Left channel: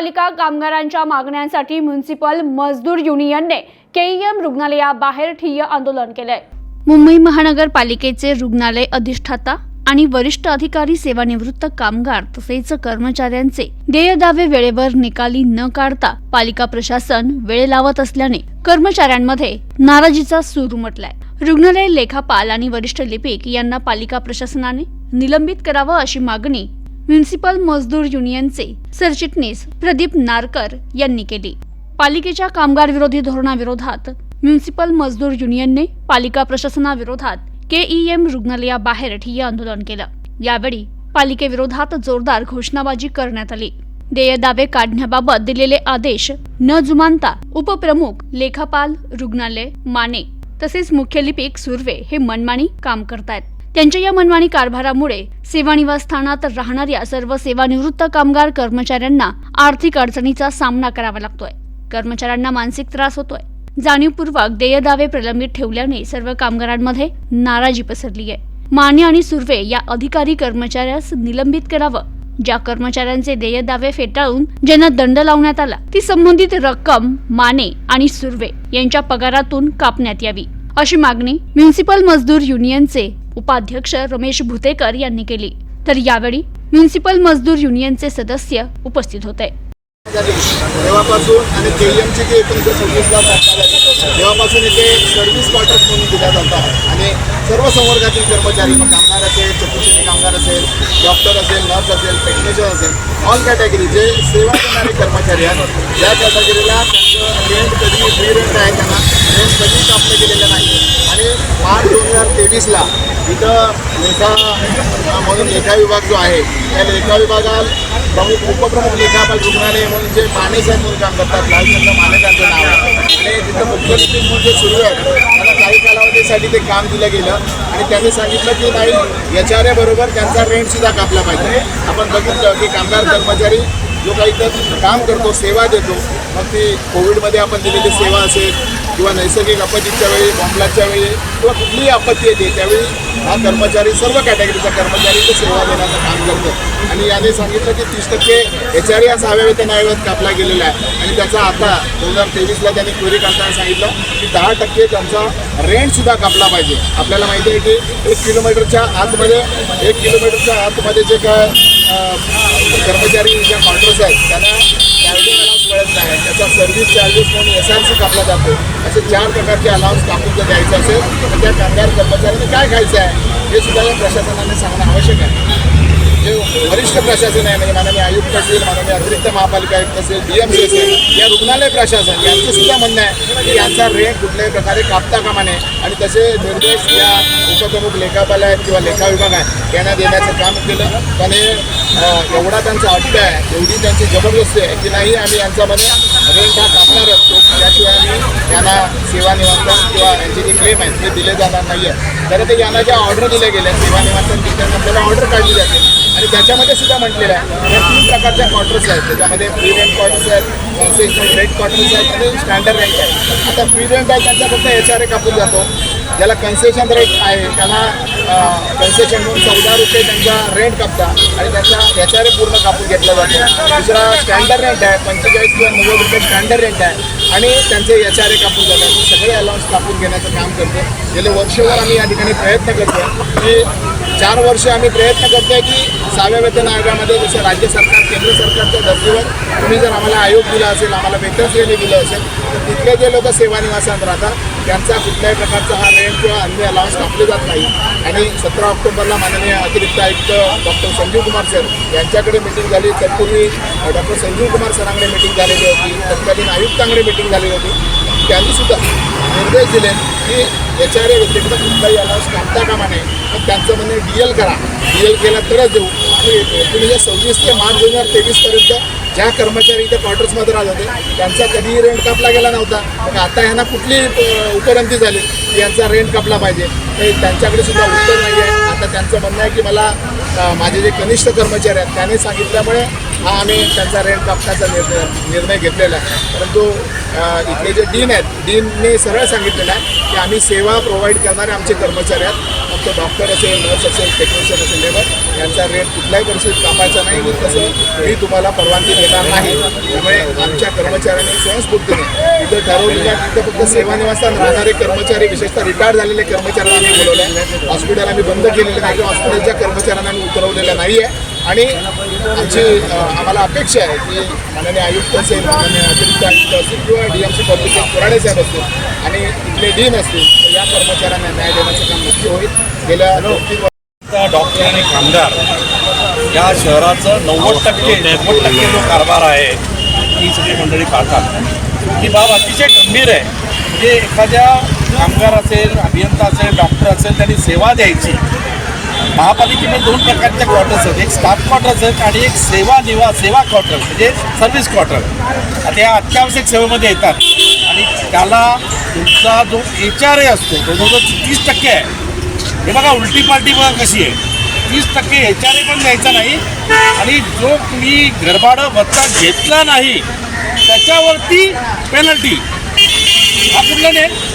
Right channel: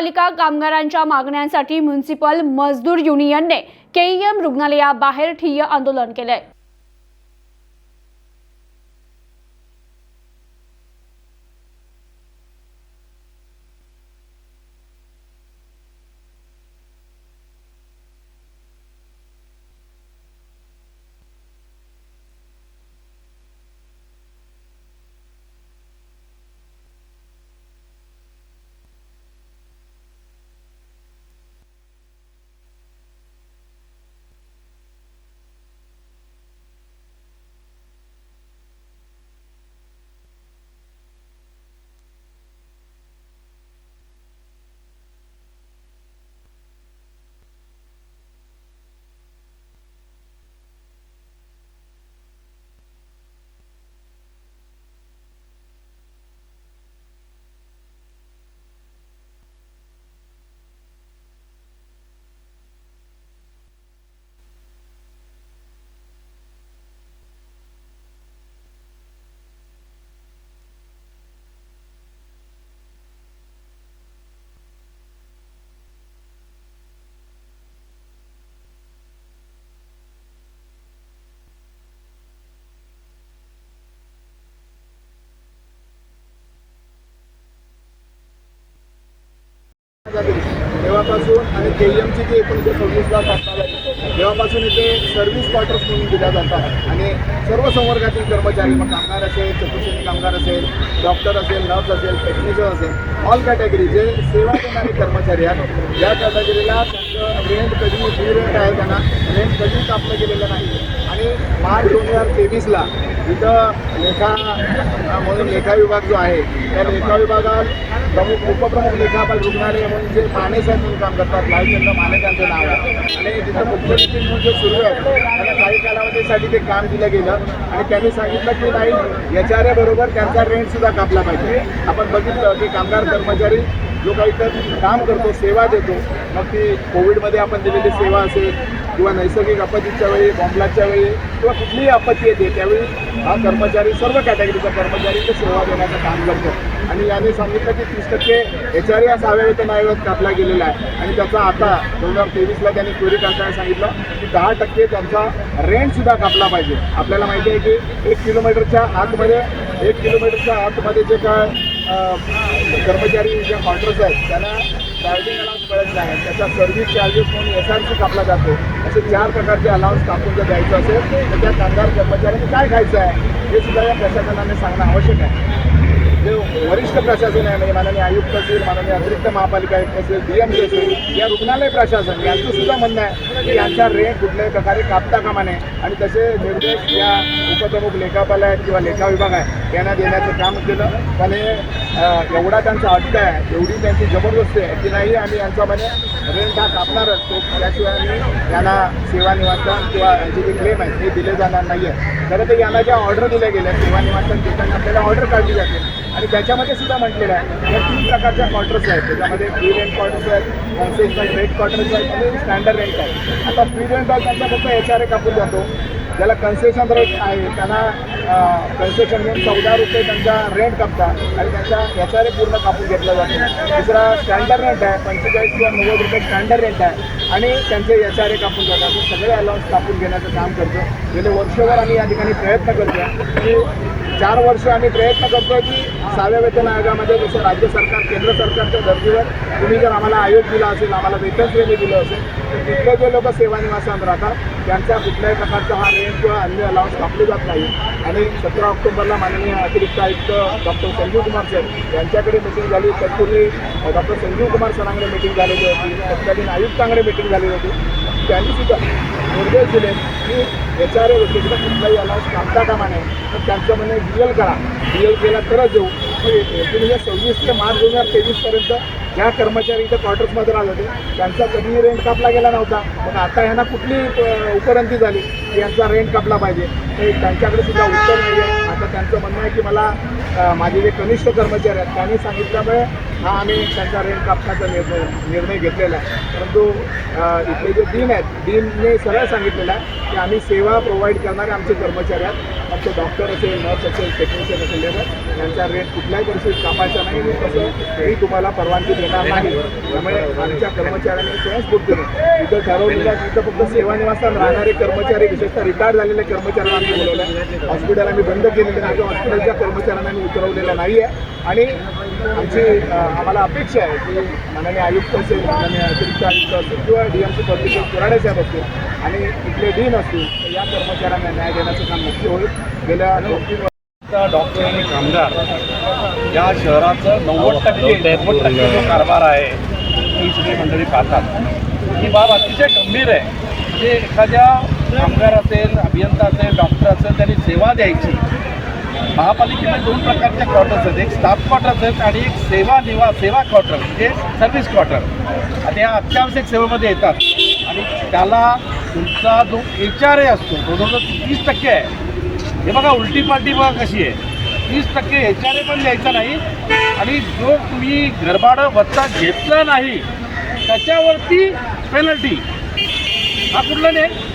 महापालिका कामगारांच्या मागण्यांसाठी म्युन्सिपल मजदूर युनियनने केईएम रुग्णालयाबाहेर ठिय्य आंदोलन केलंय. मुंबई महानगरपालिकेचे रुग्णालय अधिष्ठाता आणि वरिष्ठ अधिकारी सेवानिवृत्त कामगार तसेच कर्मचाऱ्यांचे देय दावे वेळेवर निकाली न काढता पालिका प्रशासन वेळ लावत असल्याने कर्मचाऱ्यांमध्ये नाराजीचा सूर उमटलाय. रुग्णालय लेखापाल आणि वरिष्ठ लिपिक यांना पालिका प्रशासनाने निलंबित करावं अशी मागणी म्युनिसिपल मजदूर युनियनचे सरचिटणीस प्रदीप नारकर यांनी केली. पालिकेच्या कामगार विरोधी धोरणाविरोधात म्युनिसिपल मजदूर युनियनने पालिका प्रशासनाविरोधात केईएम रुग्णालयाबाहेर ठिय्या आंदोलन केलं. यावेळी पालिकेविरोधात जोरदार घोषणाबाजी करण्यात आली. देय दावे काढण्याबाबत दिलेले आदेश न जुमानता उपप्रमुख लेखापाल रुग्णालय माने तसेच मुख्य लिपिक सुर्वे हे मनमानी काम करतायत. त्यांच्या या मनमानी कारभारामुळे सेवा निवासस्थानात राहणाऱ्या सर्व सेवानिवृत्त कामगार कर्मचाऱ्यांना आर्थिक अडचणीचा सामना करावा लागतोय. कर्मचाऱ्यांना मानसिक त्रास होतोय. जाणीवपूर्वक देय दावे प्रलंबित ठेवल्याने सर्व कामगारांमध्ये नाराजी पसरली आहे. माने आणि सुर्वे या अधिकारी कर्मचाऱ्यास निलंबित करावं ज्या कर्मचाऱ्यांचे देय दावे फेटाळून ज्यांना दंड लावण्यात आला ती संबंधित रक्कम माने आणि सुर्वे यांच्या पगारातून कापण्यात यावी. अशी मागणी म्युन्सिपल मजदूर युनियनचे उपाध्यक्ष रमेश भुतेकर यांनी केली. तर यावेळी म्युन्सिपल मजदूर युनियनचे सदस्य उपस्थित होते. तेव्हापासून आणि केएमची जी एकोणीसशे सव्वीसला तेव्हापासून येथे सर्व्हिस क्वार्टर्स म्हणून दिल्या जातात. आणि सर्व संवर्गातील कर्मचारी मग कामगार असेल चतुर्श्रेणी कामगार असेल डॉक्टर असेल नर्स असेल टेक्निशियन असेल ऑल कॅटेगरी जे सेवा करणारे कर्मचारी आहेत या कॅटेगरीला त्यांचं रेंट कधी फ्री रेंट आहे त्यांना रेंट कधीच कापलं गेलेलं नाही आठ मार्च दोन हजार तेवीसला इथं लेखा म्हणून लेखा विभाग जो आहे त्या लेखा विभागात प्रमुख उपप्रमुख लेखापाल रुग्णालय म्हणून जे माने म्हणून काम करतात लालचंद्र माने त्यांचं नाव आणि तिथं मुख्य म्हणून जे सुरू आहे त्यांना काही कालावधीसाठी ते काम दिलं गेलं. आणि त्यांनी सांगितलं की नाही याच्याऱ्याबरोबर त्यांचा रेंटसुद्धा कापला पाहिजे. आपण बघितलं की कामगार कर्मचारी जो काही तर काम करतो सेवा देतो मग ती कोविडमध्ये आपण दिलेली सेवा असेल किंवा नैसर्गिक आपत्तीच्या वेळी बॉम्बलाच्या वेळी किंवा कुठलीही आपत्ती येते त्यावेळी हा कर्मचारी सर्व कॅटेगरीचा कर्मचारी तो सेवा देण्याचं काम करतो. आणि याने सांगितलं की तीस टक्के एच आर या सहाव्या वेतन आयोगात कापला गेलेला आहे. आणि त्याचा आता दोन हजार तेवीसला त्यांनी क्वेरी काढताना सांगितलं की दहा टक्के त्यांचा रेंटसुद्धा कापला पाहिजे. आपल्याला माहिती आहे की एक किलोमीटरच्या आतमध्ये एक किलोमीटरच्या आतमध्ये जे काय कर्मचारी ज्या क्वार्टर्स आहेत त्यांना मिळत नाही. त्याचा सर्व्हिस चार्जेस म्हणून एस आर सी कापला जातो. असे चार प्रकारचे अलाउन्स कापून जर द्यायचं असेल तर त्या कामगार कर्मचाऱ्यांनी काय खायचं आहे हे सुद्धा या प्रशासनाने सांगणं आवश्यक आहे. जे वरिष्ठ प्रशासन आहे म्हणजे माननीय आयुक्त असेल माननीय अतिरिक्त महापालिका आयुक्त असेल डी एम सी असेल या रुग्णालय प्रशासन यांचं सुद्धा म्हणणं आहे की यांचा रेट कुठल्याही प्रकारे कापता कामा नये आणि तसे निर्देश या उपप्रमुख लेखापाल आहेत किंवा लेखा विभाग आहे यांना देण्याचं काम केलं. पण हे एवढा त्यांचा अड्डा आहे एवढी त्यांची जबरदस्ती आहे की नाही आम्ही यांचा म्हणे रेंट हा कापणारच. तो त्याशिवाय आम्ही यांना सेवानिवासन किंवा यांचे जे क्लेम आहेत ते दिले जाणार नाही आहे तर ते यांना ज्या ऑर्डर दिल्या गेल्या सेवा निवारण देताना आपल्याला ऑर्डर काढली जाते. आणि त्याच्यामध्ये सुद्धा म्हटलेलं आहे. या तीन प्रकारच्या क्वार्टर्स आहेत. त्याच्यामध्ये फ्री रेंट क्वार्टर्स आहेत कॉन्सेशनल रेट क्वार्टर्स आहेत आणि स्टँडर्ड रेंट आहे आता फ्री रेंट आहे त्यांच्याकडनं एच आर ए कापून जातो. ज्याला कन्सेशन रेट आहे त्याला कन्सेशन म्हणून चौदा रुपये त्यांचा रेंट कापतात आणि त्यांचा एच आर ए पूर्ण कापून घेतला जातो. दुसरा स्टँडर्ड रेंट आहे पंचेचाळीस किंवा नव्वद रुपये स्टँडर्ड रेंट आहे आणि त्यांचे एच आर ए कापून जातात. सगळे अलाउन्स कापून घेण्याचं काम करतो. गेले वर्षभर आम्ही या ठिकाणी प्रयत्न करतो की चार वर्ष आम्ही प्रयत्न करतोय की सहाव्या वेतन आयोगामध्ये जसं राज्य सरकार केंद्र सरकारच्या धर्तीवर तुम्ही जर आम्हाला आयोग दिला असेल आम्हाला वेतन श्रेणी दिलं असेल तर तिथले जे लोक सेवानिवासात राहतात त्यांचा कुठल्याही प्रकारचा हा रेंट किंवा अन्य अलाउन्स कापले जात नाही. आणि सतरा ऑक्टोबरला माननीय अतिरिक्त आयुक्त डॉक्टर संजीव कुमार सर यांच्याकडे मिटिंग झाली. तत्पूर्वी डॉक्टर संजीव कुमार सरांकडे मिटिंग झालेली होती. तत्कालीन आयुक्तांकडे मिटिंग झाली होती. त्यांनी सुद्धा निर्देश दिले की एच आर ए व्यतिरिक्त कुठलाही अलाउन्स कापता कामा नये तर त्यांचं म्हणणं डी एल करा. डी एल केला तरच देऊ. मग एकोणीसशे सव्वीस ते मार्च दोन हजार तेवीसपर्यंत ज्या कर्मचारी इथे क्वार्टर्समध्ये राहत होते त्यांचा कधीही रेंट कापला गेला नव्हता. मग आता ह्यांना कुठली उपरंती झाली की यांचा रेंट कापला पाहिजे? तर त्यांच्याकडे सुद्धा उत्तर नाही आहे आता त्यांचं म्हणणं आहे की मला माझे जे कनिष्ठ कर्मचारी आहेत त्याने सांगितल्यामुळे हा आम्ही त्यांचा रेंट कापण्याचा निर्णय निर्णय घेतलेला आहे. परंतु इथले जे डीन आहेत डीनने सरळ सांगितलेलं आहे की आम्ही सेवा प्रोव्हाइड करणारे आमचे कर्मचारी आहेत. मग तो डॉक्टर असेल नर्स असेल टेक्निशियन असेल लेबर यांचा रेट कुठल्याही परिस्थितीत कापायचा नाही मी तसं मी तुम्हाला परवानगी देणार नाही. त्यामुळे आमच्या कर्मचाऱ्यांनी स्वयंस्फूर्तीने इथं ठरवलेल्या तिथं फक्त सेवानिवासात राहणारे कर्मचारी विशेषतः रिटायर्ड झालेले कर्मचाऱ्यांना आम्ही बोलवलं आहे हॉस्पिटल आम्ही बंद केलेलं नाही किंवा हॉस्पिटलच्या कर्मचाऱ्यांना आम्ही उतरवलेलं नाही आहे आणि आमची आम्हाला अपेक्षा आहे की माननीय आयुक्त असेल माननीय अतिरिक्त आयुक्त असतील किंवा D M C public Korade साहेब असतील आणि इथले डीन असतील तर या कर्मचाऱ्यांना न्याय देण्याचं काम नक्की होईल. गेल्या डॉक्टर आणि कामगार या शहराचं नव्वद टक्के नव्वद टक्के जो कारभार आहे ही सगळी मंडळी पाहतात. ही बाब अतिशय गंभीर आहे. म्हणजे एखाद्या कामगार असेल अभियंता असेल डॉक्टर असेल त्यांनी सेवा द्यायची. महापालिकेमध्ये दोन प्रकारच्या क्वार्टर्स आहेत. एक स्टाफ क्वार्टर्स आहेत आणि एक सेवा निवा सेवा क्वार्टर म्हणजे सर्व्हिस क्वार्टर आता या अत्यावश्यक सेवेमध्ये येतात. आणि त्याला तुमचा जो एच आर ए असतो तो जवळजवळ तीस टक्के आहे हे बघा उलटी पार्टी बघा कशी आहे. तीस टक्के एच आर ए पण द्यायचा नाही. आणि जो तुम्ही गरबाडं भत्ता घेतला नाही त्याच्यावरती पेनल्टी हा कुठला नाही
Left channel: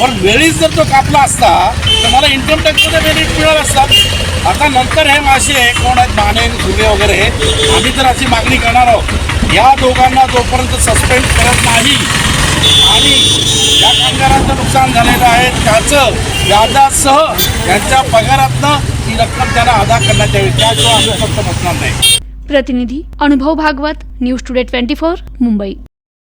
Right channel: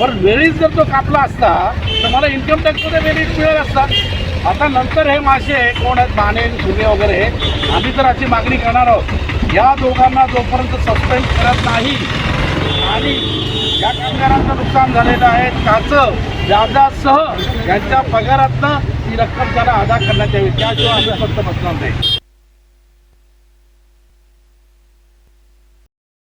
पण वेळीच जर तो कापला असता तर मला इन्कम टॅक्समध्ये बेनिफिट मिळाला असता. आता नंतर हे मासे कोण आहेत माने दुबे वगैरे आम्ही तर अशी मागणी करणार आहोत. या दोघांना जोपर्यंत सस्पेंड करत नाही आणि या कामगारांचं नुकसान झालेलं आहे त्याचं व्याजासह त्यांच्या पगारातनं ती रक्कम त्यांना अदा करण्यात यावी. त्याशिवाय आम्ही फक्त बसणार नाही. प्रतिनिधी Anubhav Bhagwat news today twenty four Mumbai.